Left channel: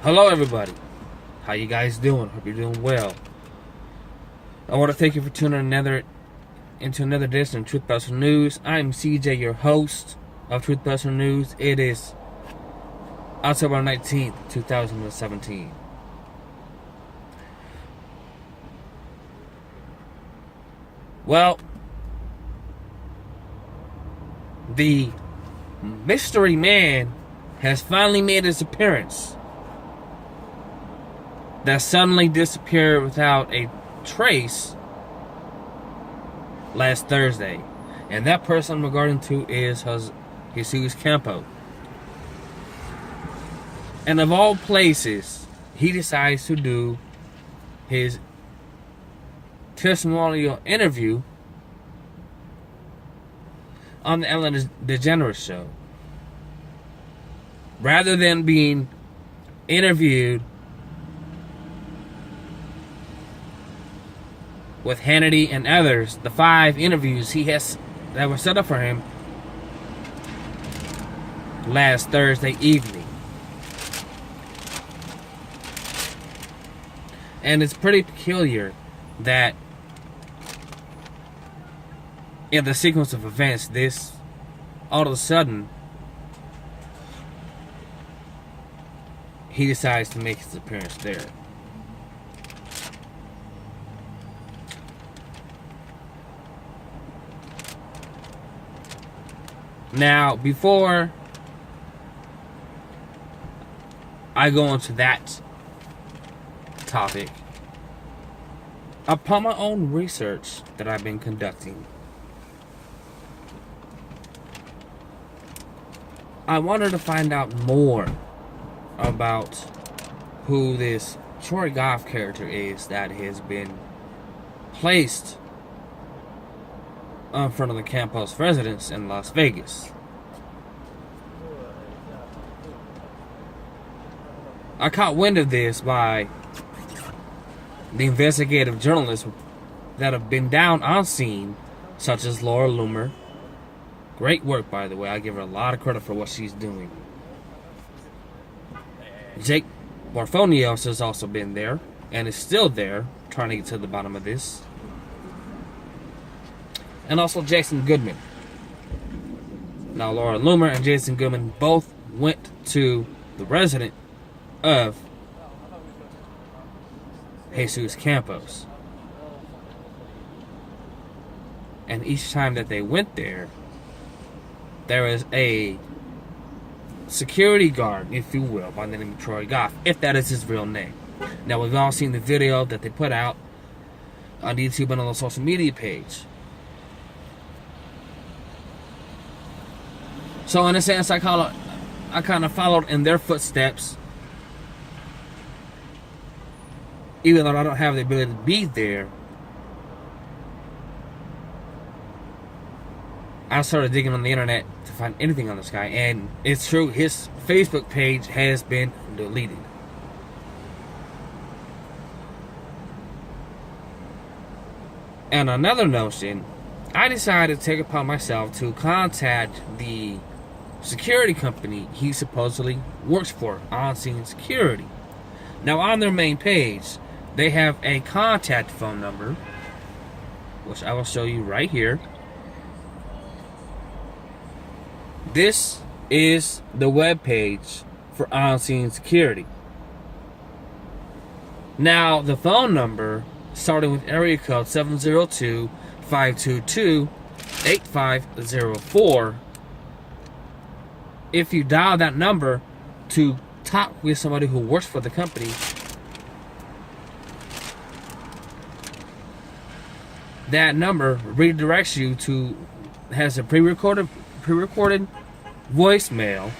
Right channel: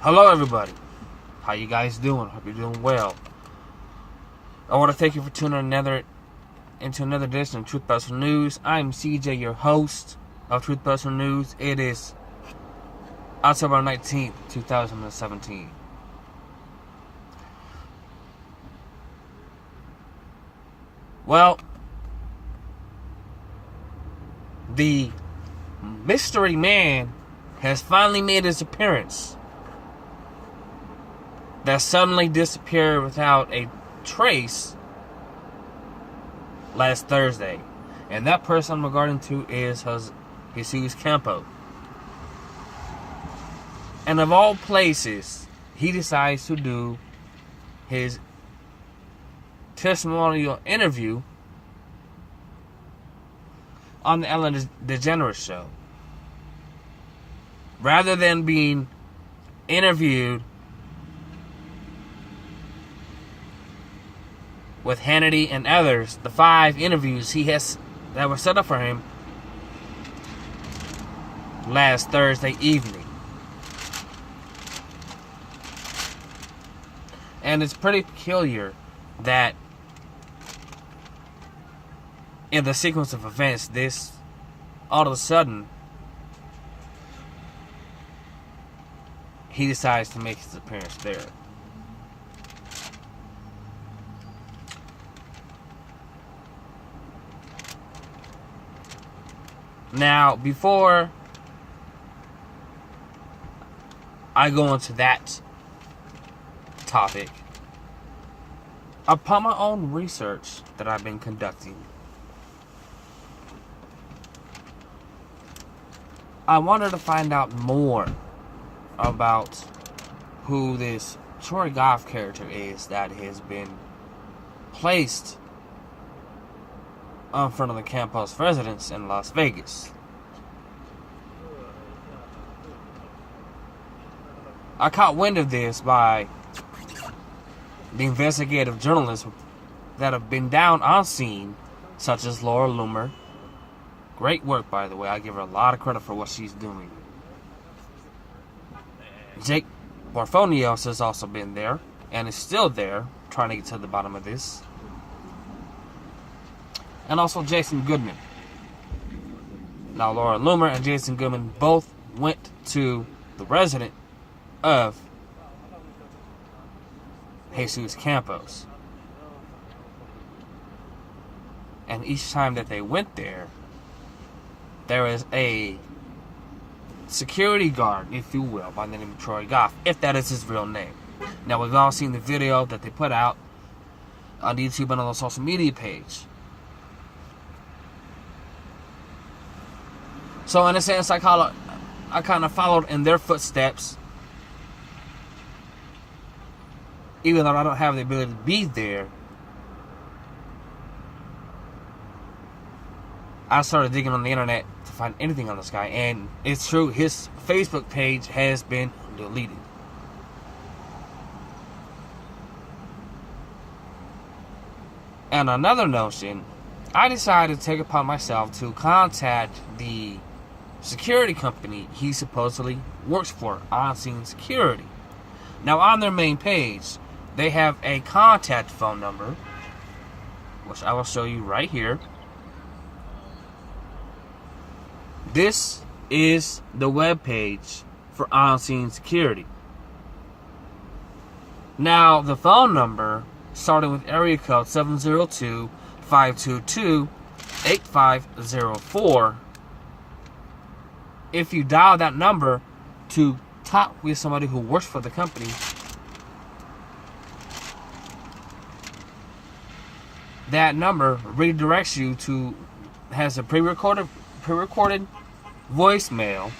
Hello everybody, how you guys doing? Hope you're doing well. I want to thank you for tuning into another edition of Truth News. I'm CJ, your host of Truth News. It is October 19th, 2017. Well, the mystery man has finally made his appearance. That suddenly disappeared without a trace last Thursday. And that person I'm regarding to is Jesus Campos. And of all places, he decides to do his testimonial interview on the Ellen DeGeneres show. Rather than being interviewed with Hannity and others, the 5 interviews that were set up for him last Thursday evening. And it's pretty peculiar that in the sequence of events, this all of a sudden he decides to make his appearance there. Now, before I go into that topic, upon my own research that I've been conducting, I wanted to find out more about who this Troy Goff character is that has been placed in front of the Campos residence in Las Vegas. I caught wind of this by the investigative journalists that have been down on scene, such as Laura Loomer. Great work, by the way. I give her a lot of credit for what she's doing. Jake Morphonios has also been there and is still there, trying to get to the bottom of this. And also Jason Goodman. Now, Laura Loomer and Jason Goodman both went to the residence of Jesus Campos. And each time that they went there was a security guard, if you will, by the name of Troy Goff, if that is his real name. Now, we've all seen the video that they put out on YouTube and on the social media page. So in a sense, I kind of followed in their footsteps, even though I don't have the ability to be there. I started digging on the internet to find anything on this guy, and it's true, his Facebook page has been deleted. And another notion, I decided to take it upon myself to contact the security company he supposedly works for, On Scene Security. Now, on their main page, they have a contact phone number, which I will show you right here. This is the web page for On Scene Security. Now, the phone number, starting with area code 702-522-8504, if you dial that number to talk with somebody who works for the company, that number redirects you to, has a pre-recorded voicemail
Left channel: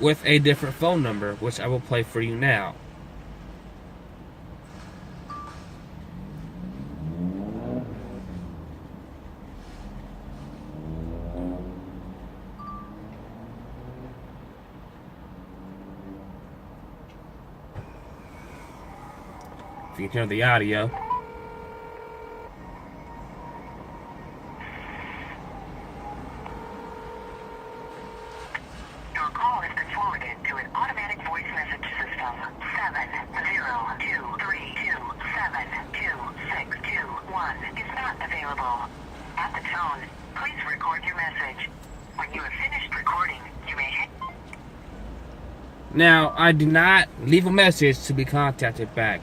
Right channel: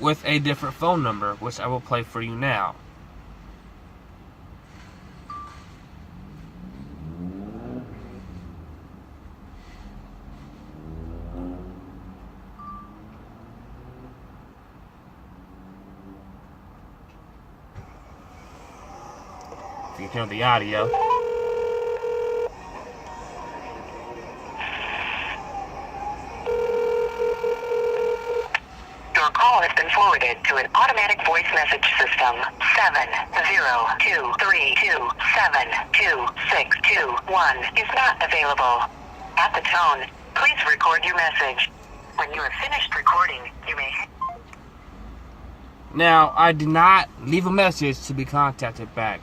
with a different phone number, which I will play for you now. If you can hear the audio. Your call has been forwarded to an automatic voice message system. 702327261 is not available. At the tone, please record your message. When you have finished recording, you may... Now, I did not leave a message to be contacted back.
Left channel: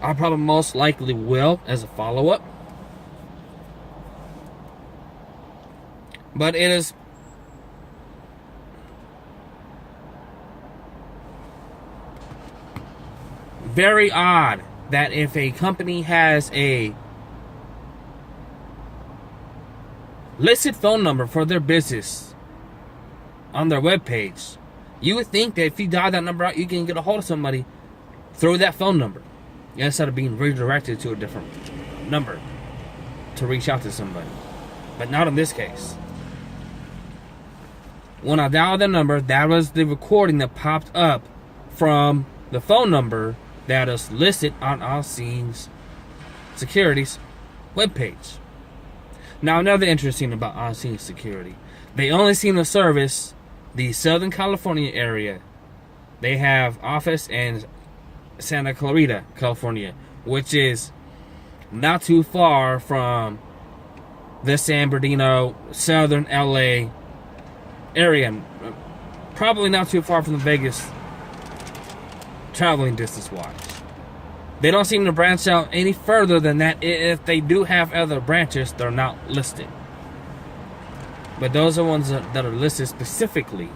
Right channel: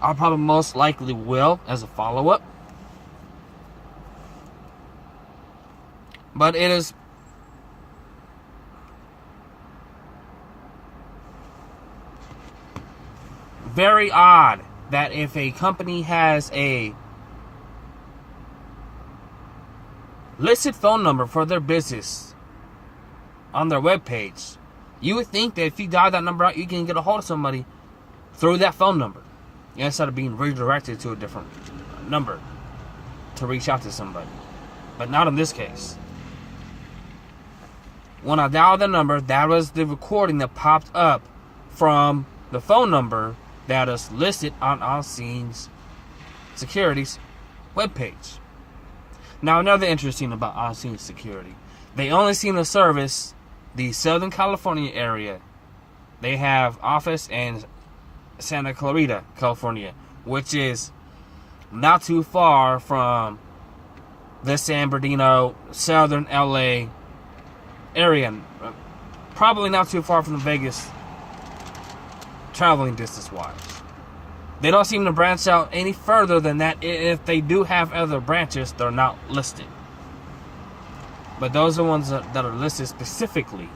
I probably most likely will as a follow-up. But it is very odd that if a company has a listed phone number for their business on their webpage, you would think that if you dial that number out, you can get a hold of somebody through that phone number instead of being redirected to a different number to reach out to somebody. But not in this case. When I dialed the number, that was the recording that popped up from the phone number that is listed on OnScene Security's webpage. Now, another interesting about OnScene Security, they only seem to service the Southern California area. They have office in Santa Clarita, California, which is not too far from the San Bernardino, Southern LA area. Probably not too far from the Vegas traveling distance-wise. They don't seem to branch out any further than that. If they do have other branches, they're not listed. But those are ones that are listed specifically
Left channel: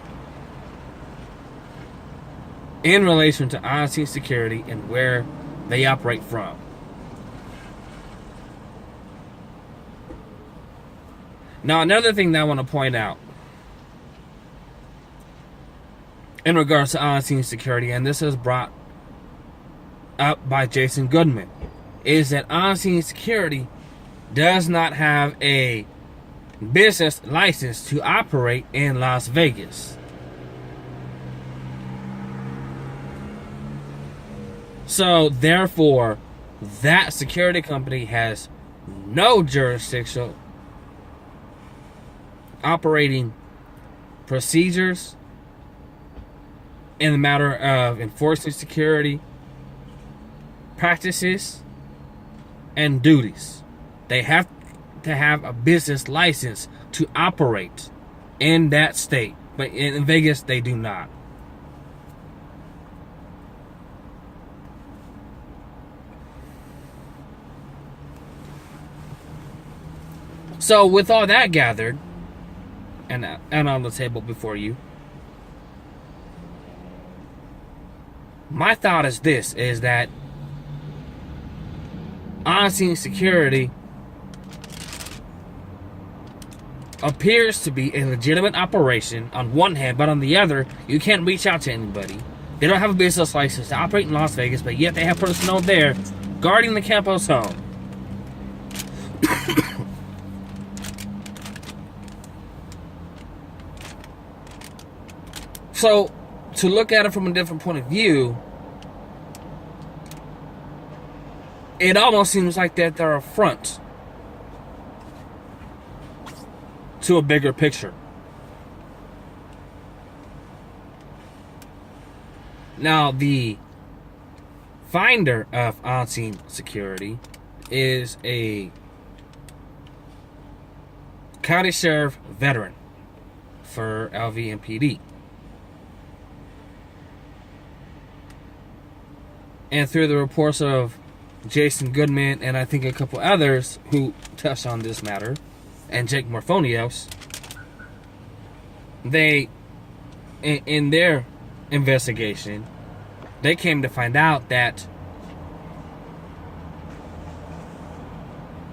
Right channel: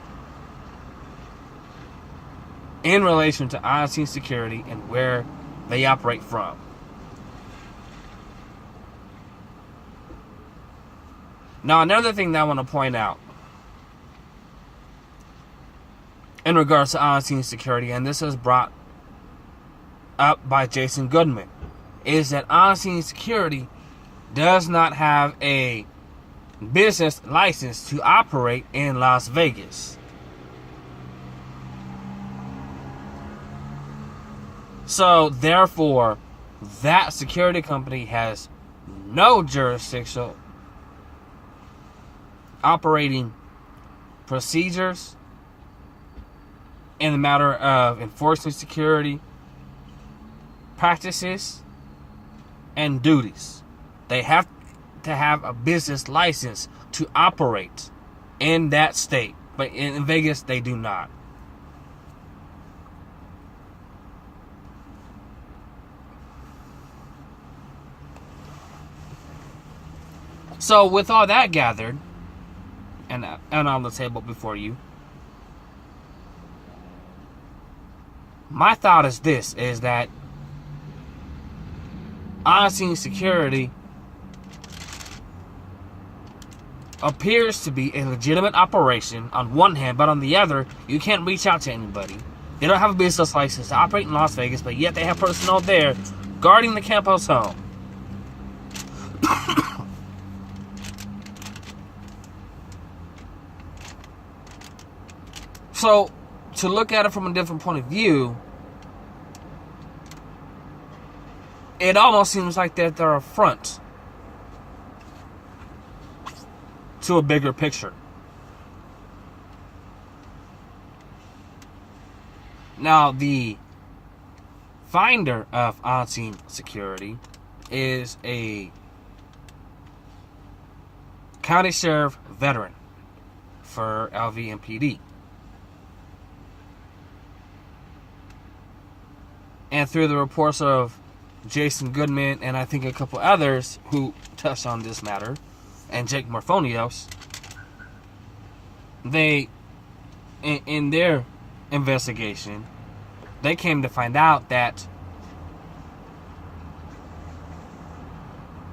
in relation to OnScene Security and where they operate from. Now, another thing that I want to point out in regards to OnScene Security, and this is brought up by Jason Goodman, is that OnScene Security does not have a business license to operate in Las Vegas. So, therefore, that security company has no jurisdictional operating procedures in the matter of enforcing security practices and duties. They have to have a business license to operate in that state, but in Vegas they do not. So with all that gathered and on the table before you, my thought is this, is that OnScene Security appears to be a legitimate operation on one hand, but on the other, you can't reach out to anybody. They don't have a business license to operate in Las Vegas, but yet they have personnel there guarding the Campos home. So, to look at it from a different point of view, it almost seems like that they're a front to a bigger picture. Now, the finder of OnScene Security is a county sheriff veteran for LVMPD. And through the reports of Jason Goodman and I think a couple others who touched on this matter, and Jake Morphonios, they, in their investigation, they came to find out that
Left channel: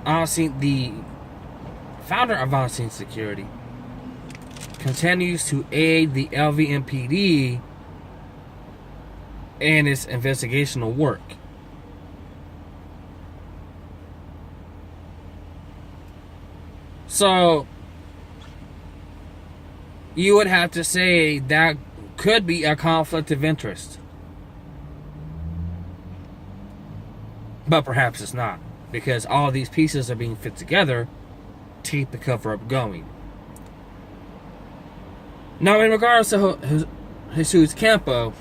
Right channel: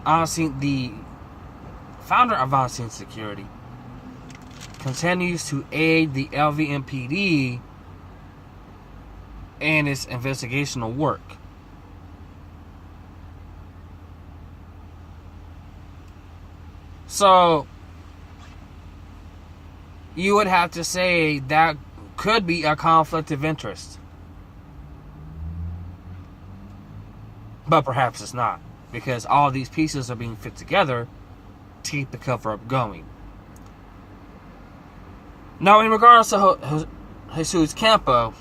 the founder of OnScene Security continues to aid the LVMPD in its investigational work. So, you would have to say that could be a conflict of interest. But perhaps it's not, because all these pieces are being fit together to keep the cover-up going. Now, in regards to Jesus Campos,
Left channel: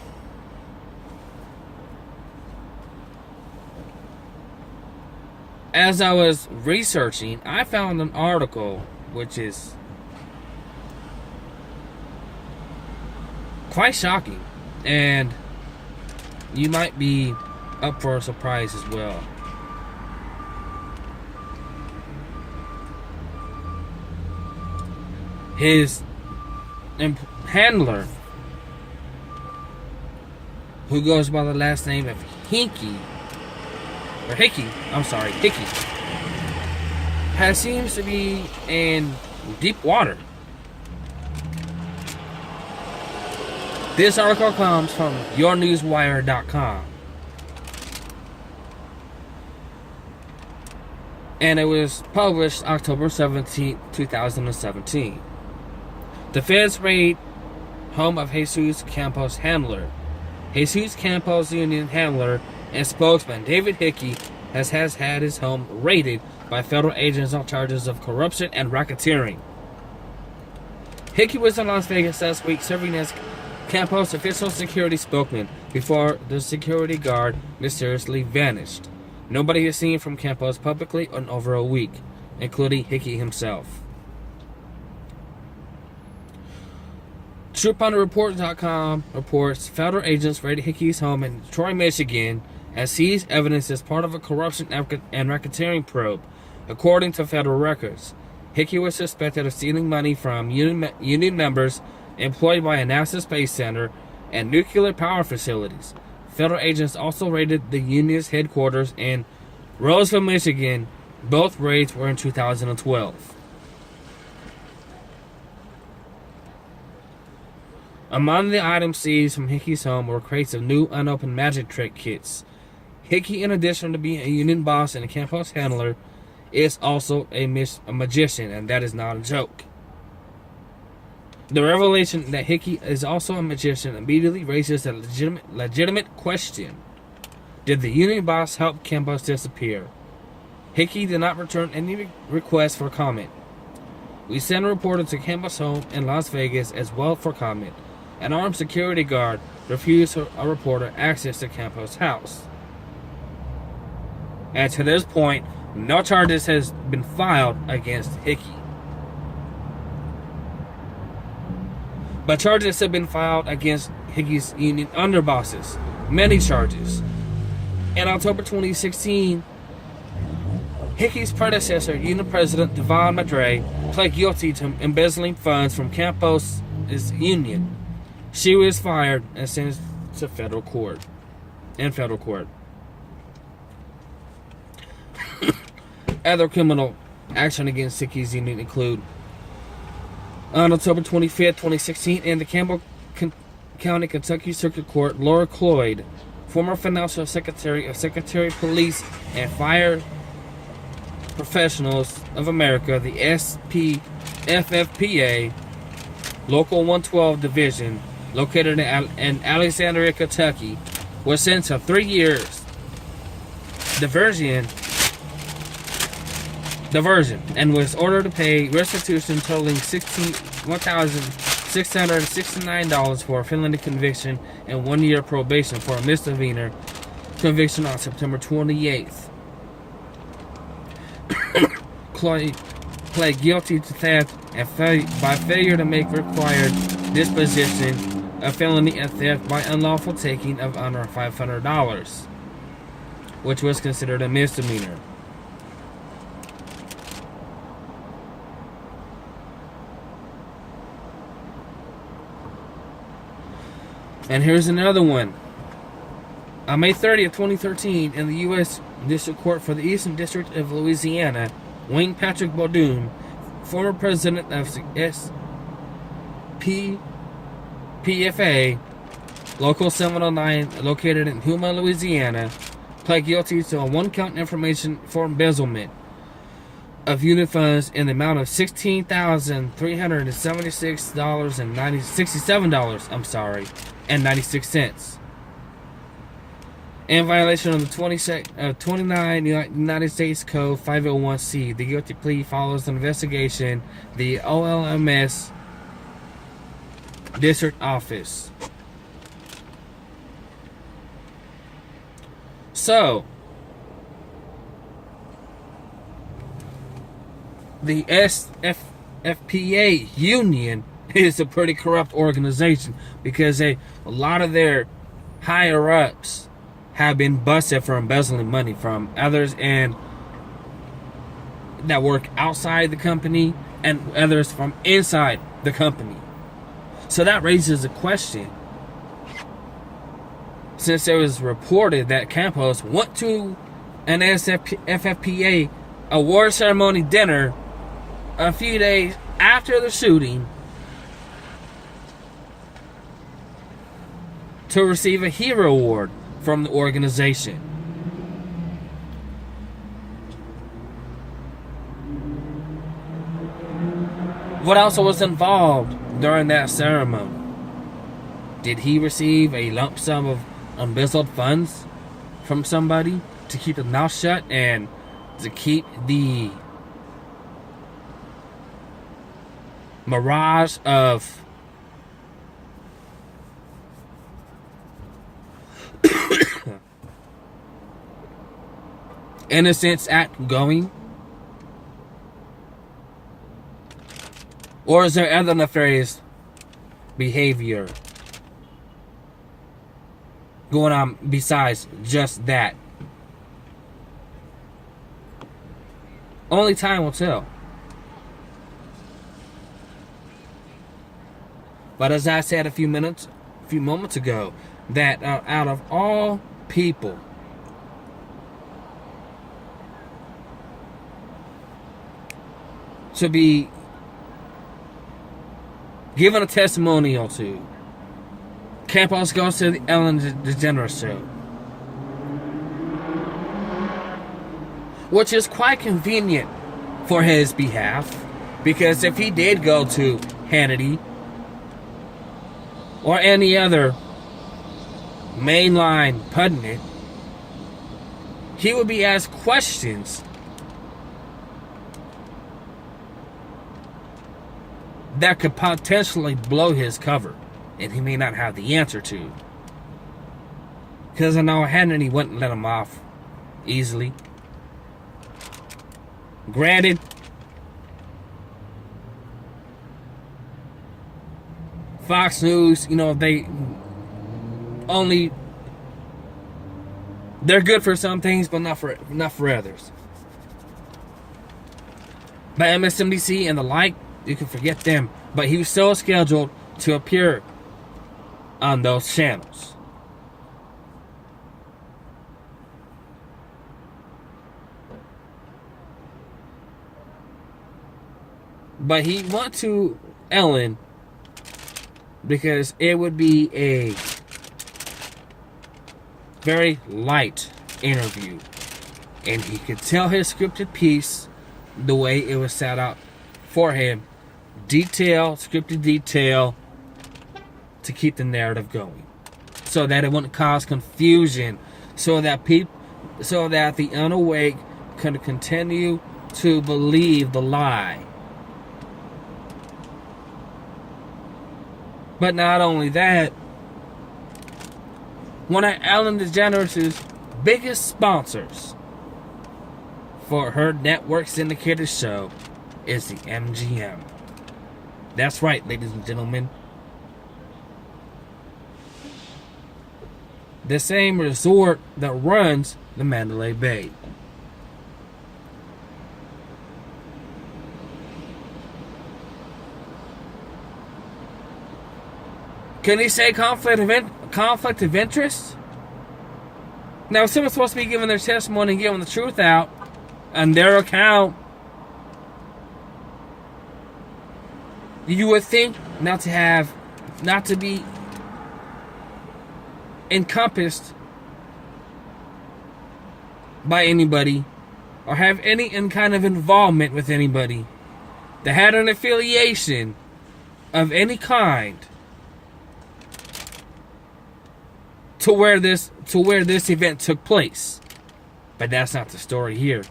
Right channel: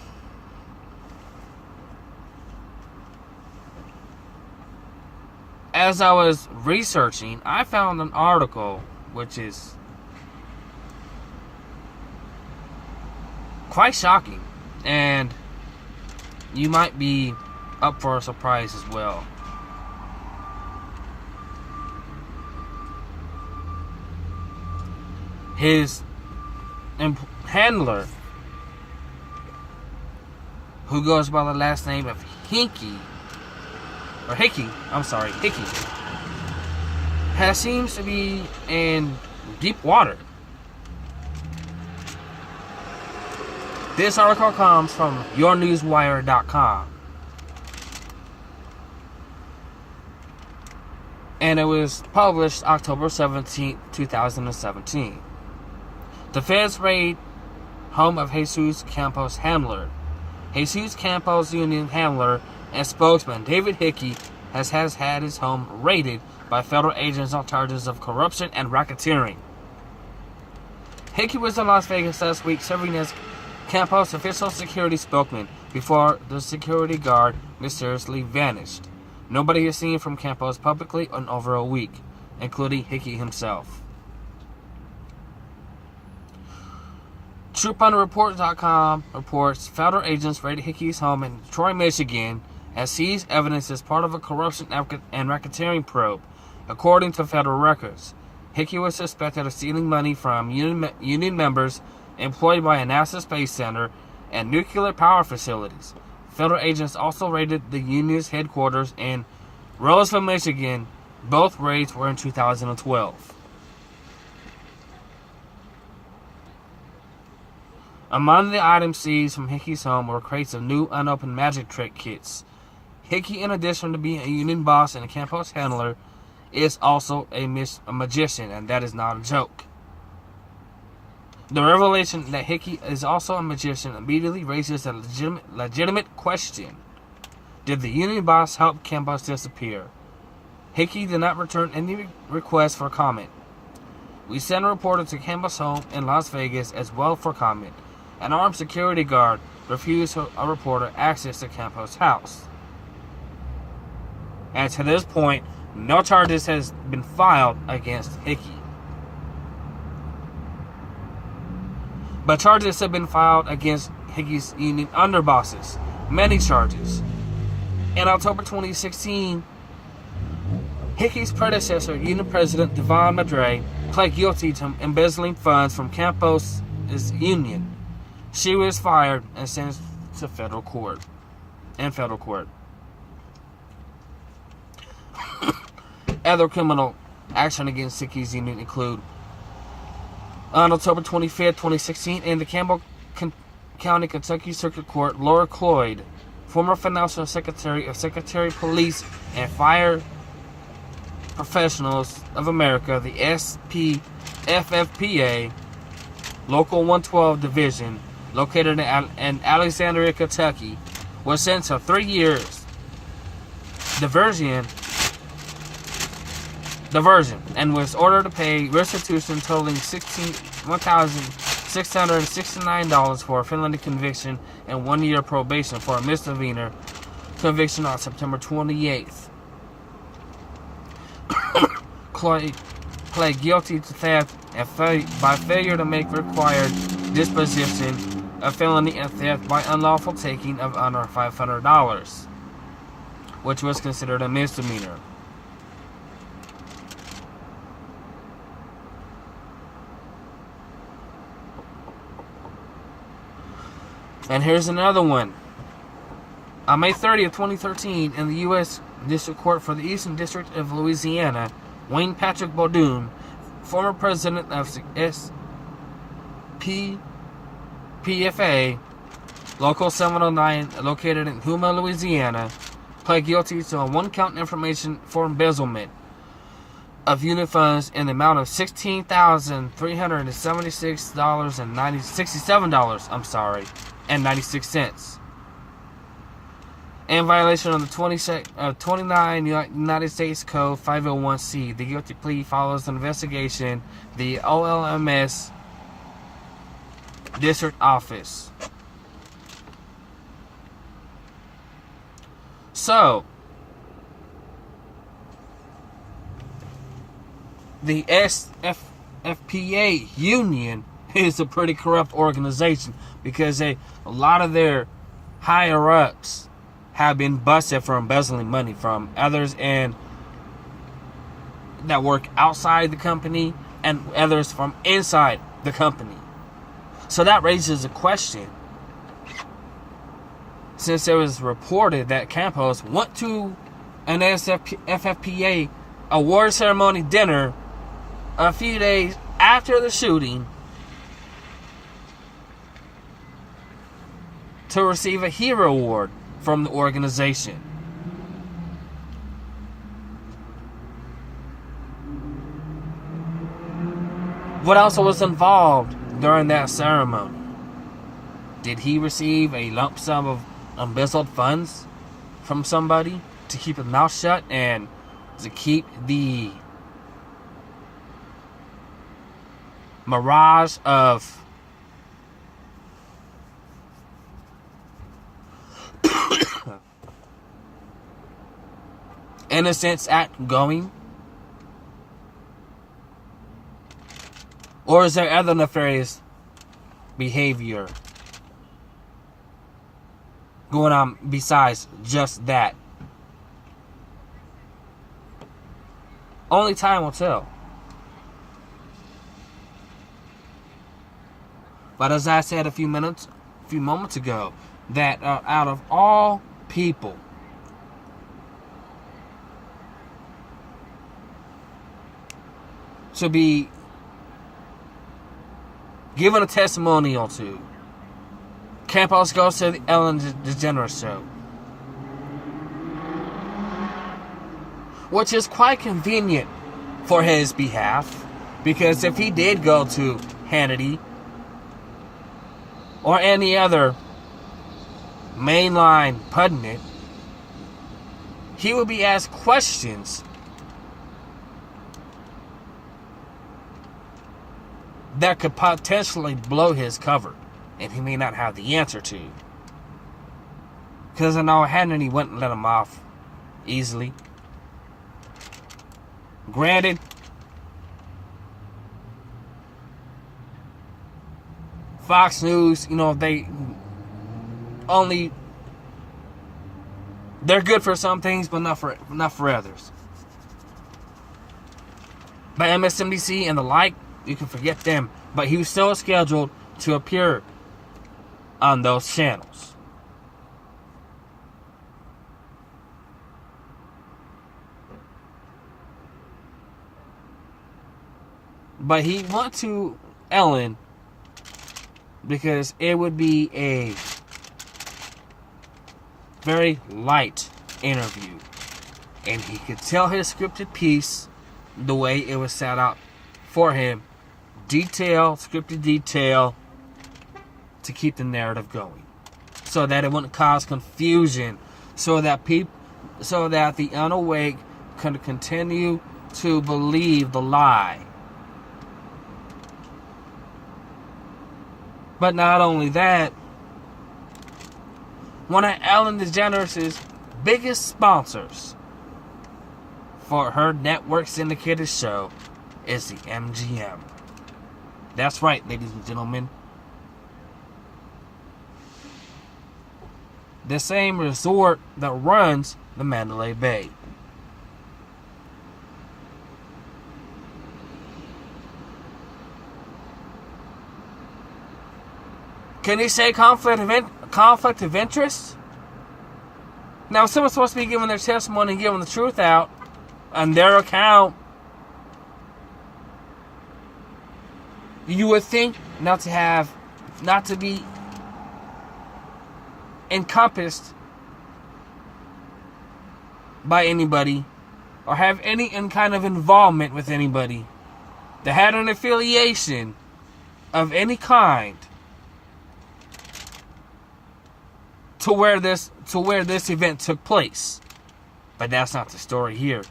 as I was researching, I found an article which is quite shocking, and you might be up for a surprise as well. His handler, who goes by the last name of Hickey, seems to be in deep water. This article comes from yournewswire.com, and it was published October 17, 2017. The feds raid home of Jesus Campos' handler. Jesus Campos' union handler and spokesman David Hickey has had his home raided by federal agents on charges of corruption and racketeering. Hickey was in Las Vegas last week serving as Campos' official security spokesman before the security guard mysteriously vanished. Nobody is seen from Campos publicly in over a week, including Hickey himself. TruthPunterReport.com reports federal agents raided Hickey's home in Troy, Michigan, and seized evidence as part of a corruption and racketeering probe. According to federal records, Hickey was suspected of stealing money from union members employed by a NASA Space Center and nuclear power facilities. Federal agents also raided the union's headquarters in Roseville, Michigan. Both raids were in 2012. Among the items seized from Hickey's home were crates of new unopened magic trick kits. Hickey, in addition to being a union boss and a Campos handler, is also a magician, and that is not a joke. The revelation that Hickey is also a magician immediately raises a legitimate question. Did the union boss help Campos disappear? Hickey did not return any requests for comment. We sent a reporter to Campos' home in Las Vegas as well for comment. An armed security guard refused a reporter access to Campos' house. And to this point, no charges has been filed against Hickey. But charges have been filed against Hickey's union underbosses. Many charges. In October 2016, Hickey's predecessor, union president Devon Madre, pled guilty to embezzling funds from Campos' union. She was fired and sentenced to federal court. Other criminal action against Hickey's union include on October 25th, 2016, in the Campbell County, Kentucky Circuit Court, Laura Cloyd, former financial secretary of Secretary of Police and Fire Professionals of America, the SPFFPA, Local 112 Division, located in Alexandria, Kentucky, was sentenced to 3 years diversion and was ordered to pay restitution totaling $1,669 for a felony conviction and 1 year probation for a misdemeanor conviction on September 28th. Chloe pled guilty to theft and by failure to make required disposition of felony and theft by unlawful taking of under $500, which was considered a misdemeanor. And here's another one. On May 30th, 2013, in the U.S. District Court for the Eastern District of Louisiana, Wayne Patrick Bowdoin, former president of PFA, Local 709, located in Houma, Louisiana, pled guilty to a one-count information for embezzlement of unit funds in the amount of $16,367.96. In violation of the 29 United States Code 501C, the guilty plea follows an investigation the OLMS district office. So, the SFPA union is a pretty corrupt organization because a lot of their higher ups have been busted for embezzling money from others and that work outside the company and others from inside the company. So that raises a question. Since it was reported that Campos went to an FFPA award ceremony dinner a few days after the shooting to receive a hero award from the organization. What else was involved during that ceremony? Did he receive a lump sum of embezzled funds from somebody to keep his mouth shut and to keep the mirage of Innocence Act going? Or is there other nefarious behavior going on besides just that? Only time will tell. But as I said a few moments ago, that out of all people, to be given a testimonial to, Campos goes to the Ellen DeGeneres show, which is quite convenient for his behalf, because if he did go to Hannity or any other mainline pundit, he would be asked questions that could potentially blow his cover, and he may not have the answer to. Because I know Hannity wouldn't let him off easily. Granted, Fox News, they're good for some things, but not for others. But MSNBC and the like, you can forget them. But he was still scheduled to appear on those channels. But he went to Ellen because it would be a very light interview, and he could tell his scripted piece the way it was set out for him. Scripted detail, to keep the narrative going, so that it wouldn't cause confusion, so that the unawake could continue to believe the lie. But not only that, one of Ellen DeGeneres' biggest sponsors for her network syndicated show is the MGM. That's right, ladies and gentlemen. The same resort that runs the Mandalay Bay. Can he say conflict of interest? Now, if someone's supposed to be giving their testimony and giving the truth out on their account, you would think not to be encompassed by anybody or have any kind of involvement with anybody that had an affiliation of any kind to where this event took place. But that's not the story here.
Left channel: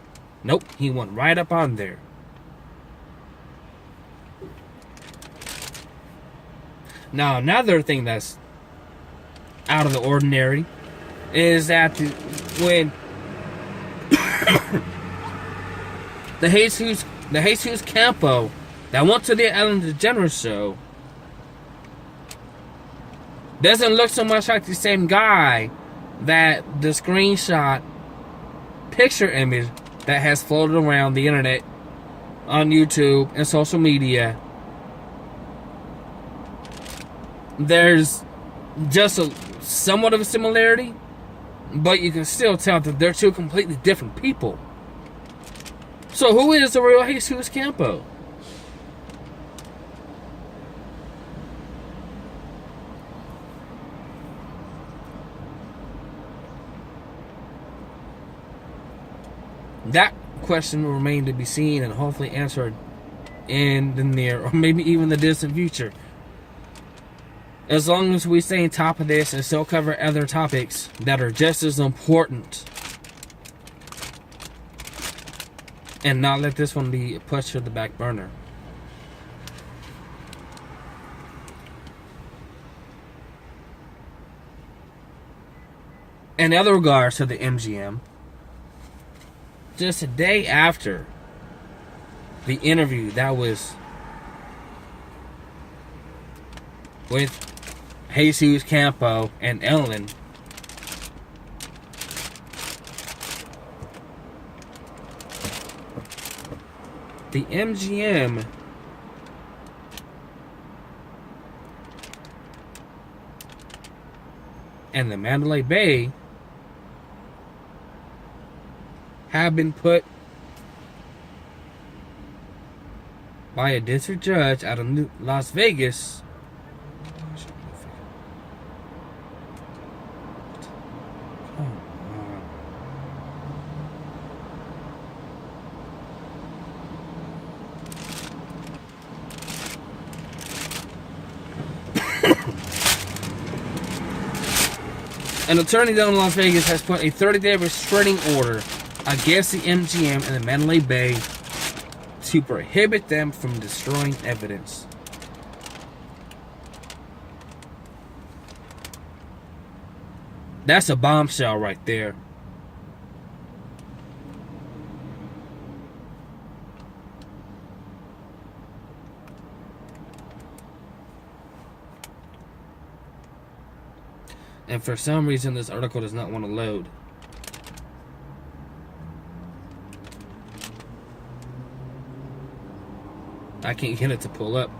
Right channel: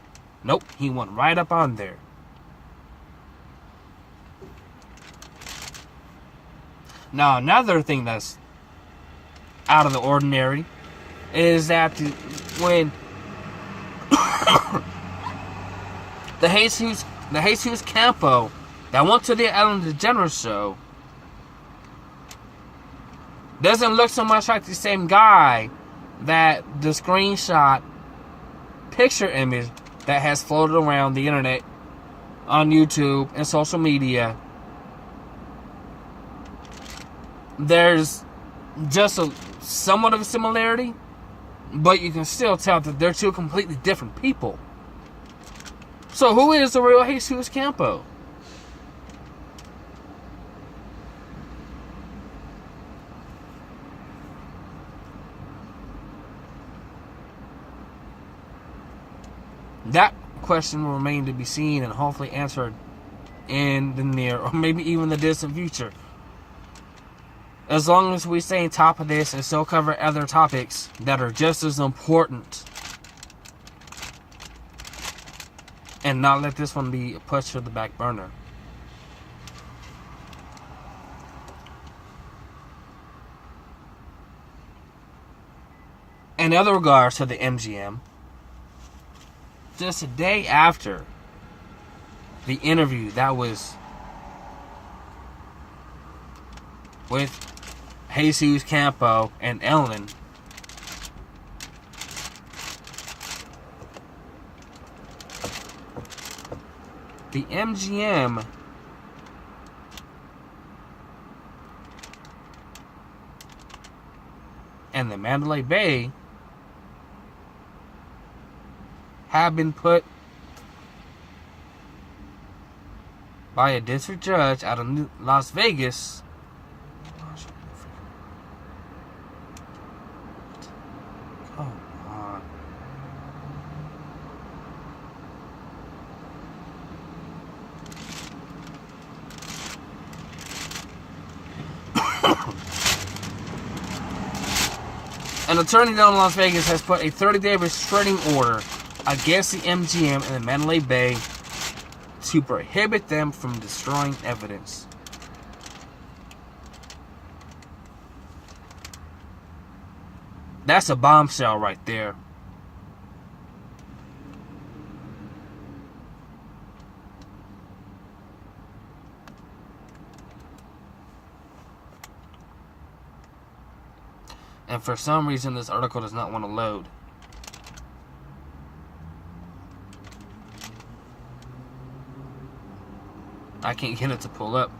Nope, he went right up on there. Now, another thing that's out of the ordinary is that when the Jesus Campo that went to the Ellen DeGeneres show doesn't look so much like the same guy that the screenshot picture image that has floated around the internet on YouTube and social media. There's just somewhat of a similarity, but you can still tell that they're two completely different people. So who is the real Jesus Campo? That question will remain to be seen and hopefully answered in the near or maybe even the distant future. As long as we stay on top of this and still cover other topics that are just as important. And not let this one be pushed to the back burner. In other regards to the MGM, just a day after the interview that was with Jesus Campo and Ellen, the MGM and the Mandalay Bay have been put by a district judge out of Las Vegas An attorney down in Las Vegas has put a 30-day restraining order against the MGM and the Mandalay Bay to prohibit them from destroying evidence. That's a bombshell right there. And for some reason, this article does not want to load. I can't get it to pull up.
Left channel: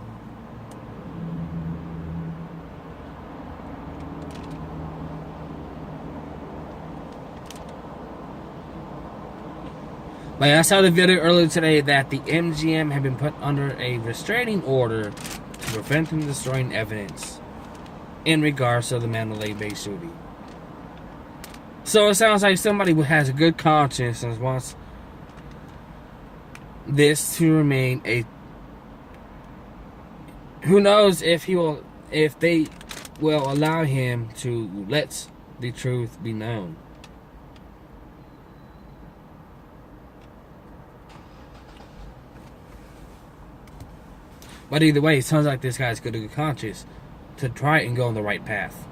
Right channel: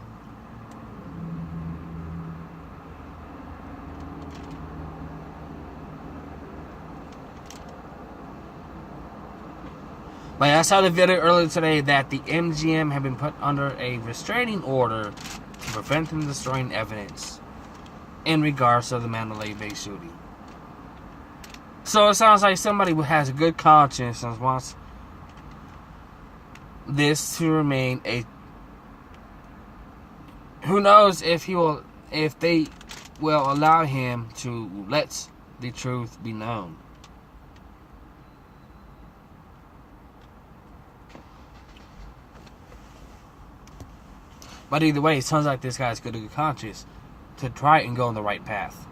But I saw the video earlier today that the MGM had been put under a restraining order to prevent them destroying evidence in regards to the Mandalay Bay shooting. So it sounds like somebody who has a good conscience and wants this to remain a... Who knows if they will allow him to let the truth be known. But either way, it sounds like this guy's got a good conscience to try and go on the right path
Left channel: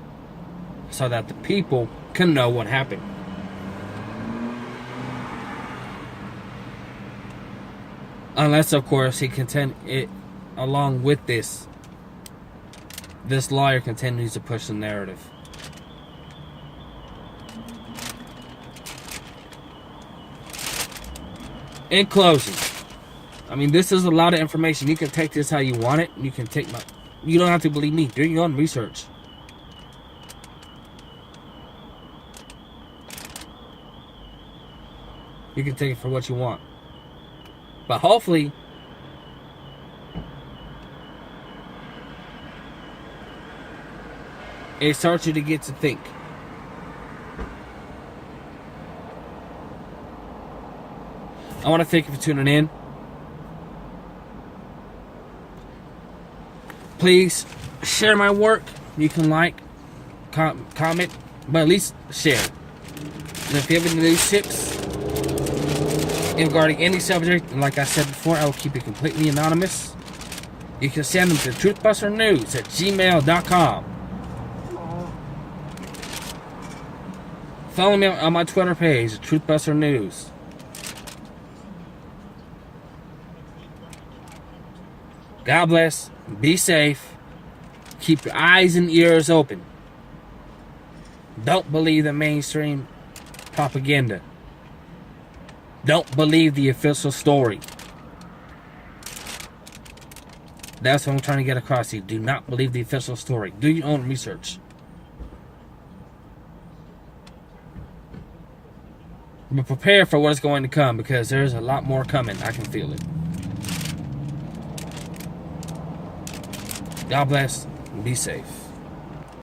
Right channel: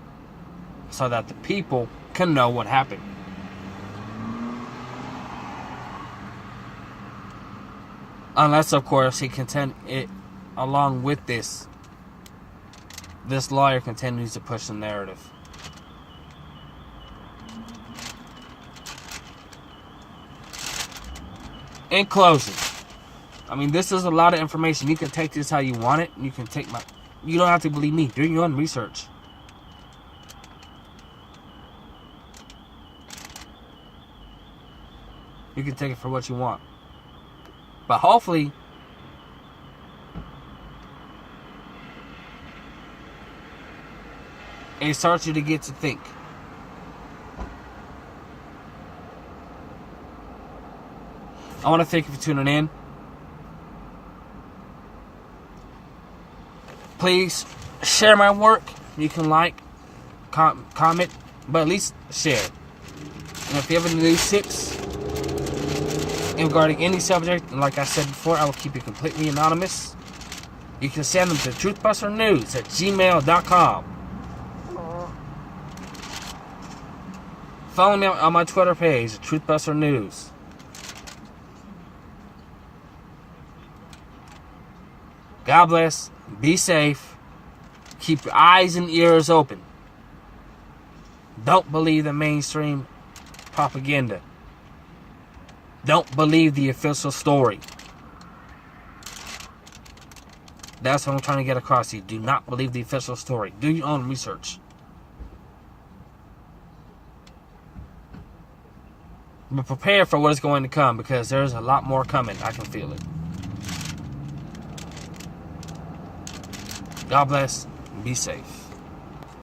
so that the people can know what happened. Unless, of course, he contend it along with this lawyer continues to push the narrative. In closing, I mean, this is a lot of information. You can take this how you want it. You don't have to believe me. Do your own research. You can take it for what you want. But hopefully, it starts you to get to think. I want to thank you for tuning in. Please share my work. You can like, comment, but at least share. And if you have any news tips regarding any subject, like I said before, I will keep it completely anonymous. you can send them to truthbusternews@gmail.com. Follow me on my Twitter page, Truthbuster News. God bless. Be safe. Keep your eyes and ears open. Don't believe the mainstream propaganda. Don't believe the official story. That's what I'm trying to get across to you. Do not believe the official story. Do your own research. But prepare for what is going to come, because there's a lot more coming. I can feel it. God bless. Be safe.